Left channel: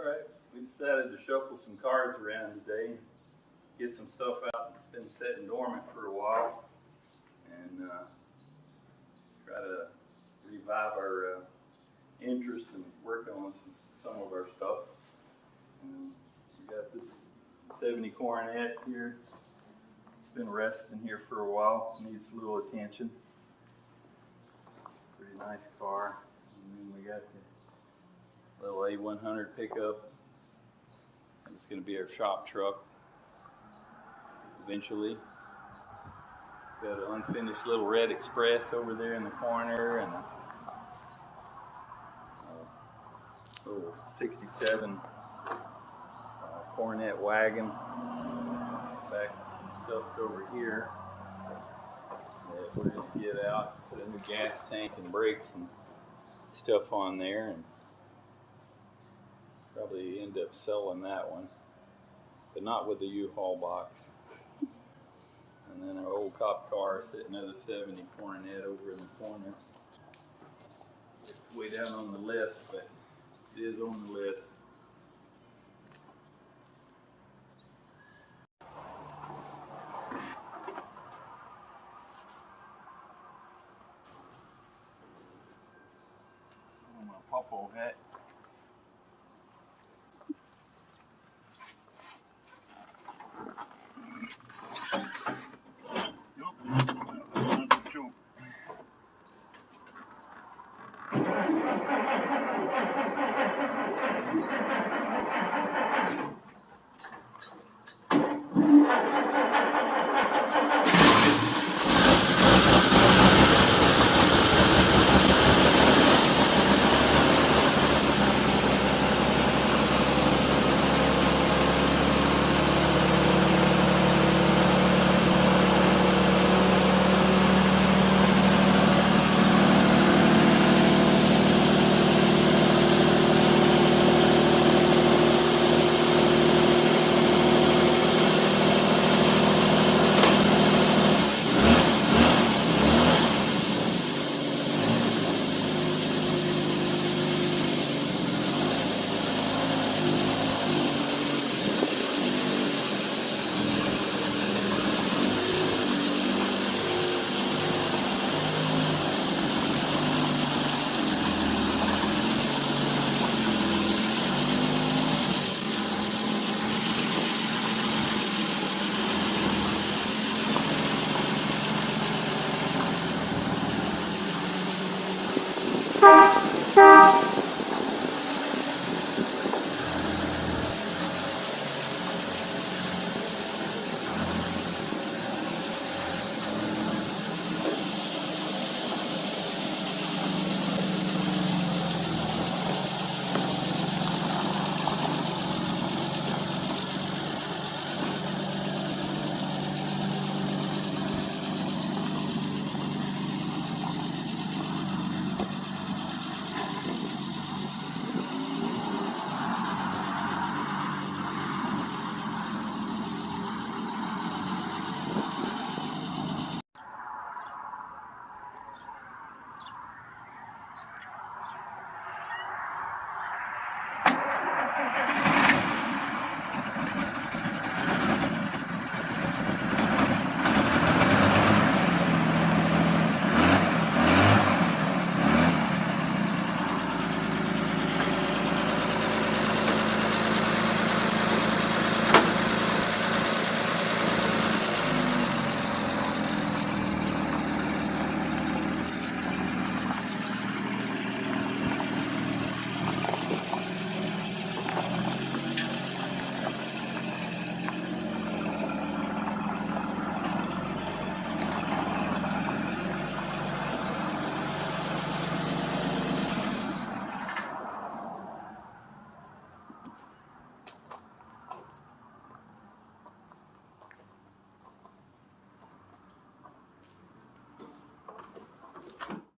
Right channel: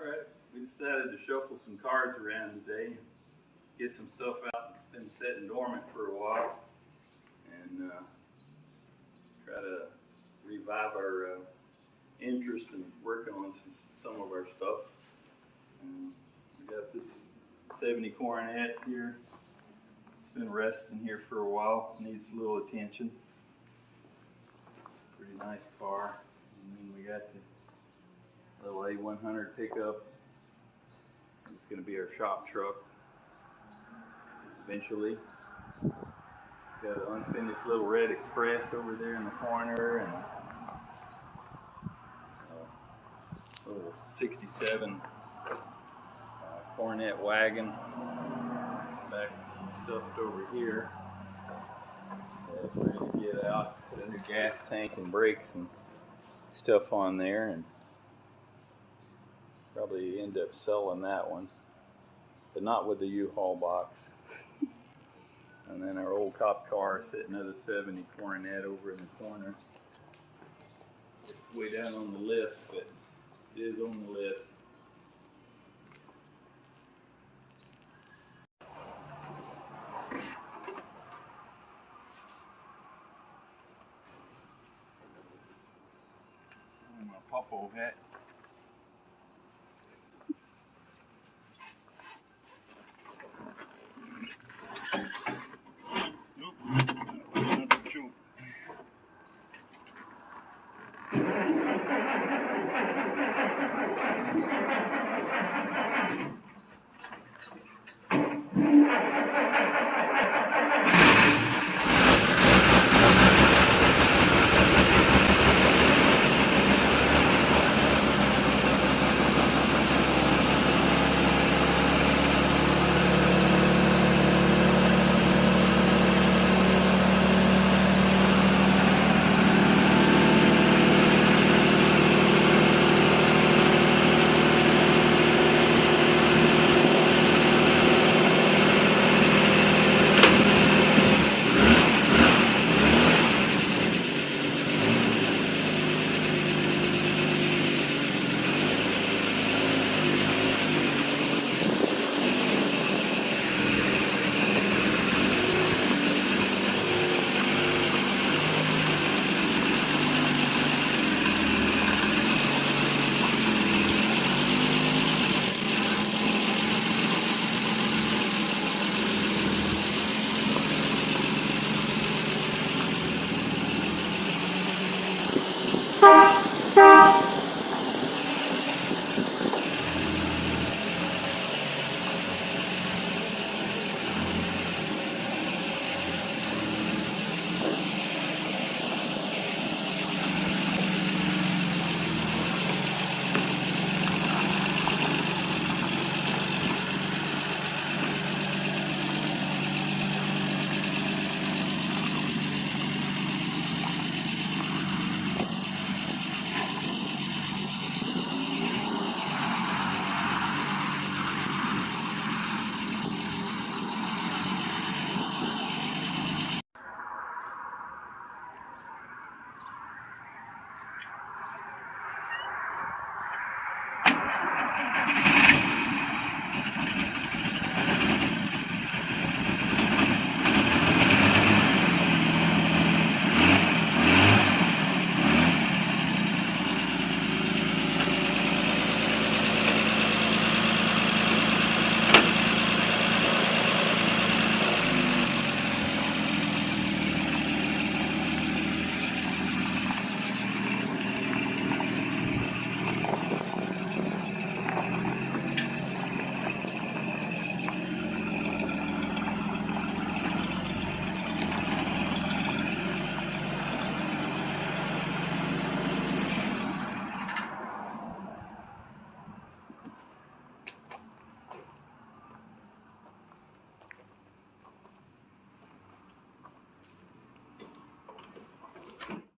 Alright, we decided to shuffle some cards around today, get some stuff out that's been sitting dormant for a while, and try to revive our interest and work on some of our stuff. We got this 70 Coronet here. It's been resting here for a while, needs a little attention. Pretty nice car. And then we got the little A100 pickup. It's going to be our shop truck eventually. Got an unfinished little red Express over there in the corner, and a little 67 Coronet wagon back stuffed over here. So we're going to get out, put a new gas tank and brakes and stuff on there, and probably end up selling that one, but not with the U-Haul box. And then our old cop car sitting another 70 Coronet over in the corner. It's way down on the list, but it is on the list. My popo hat.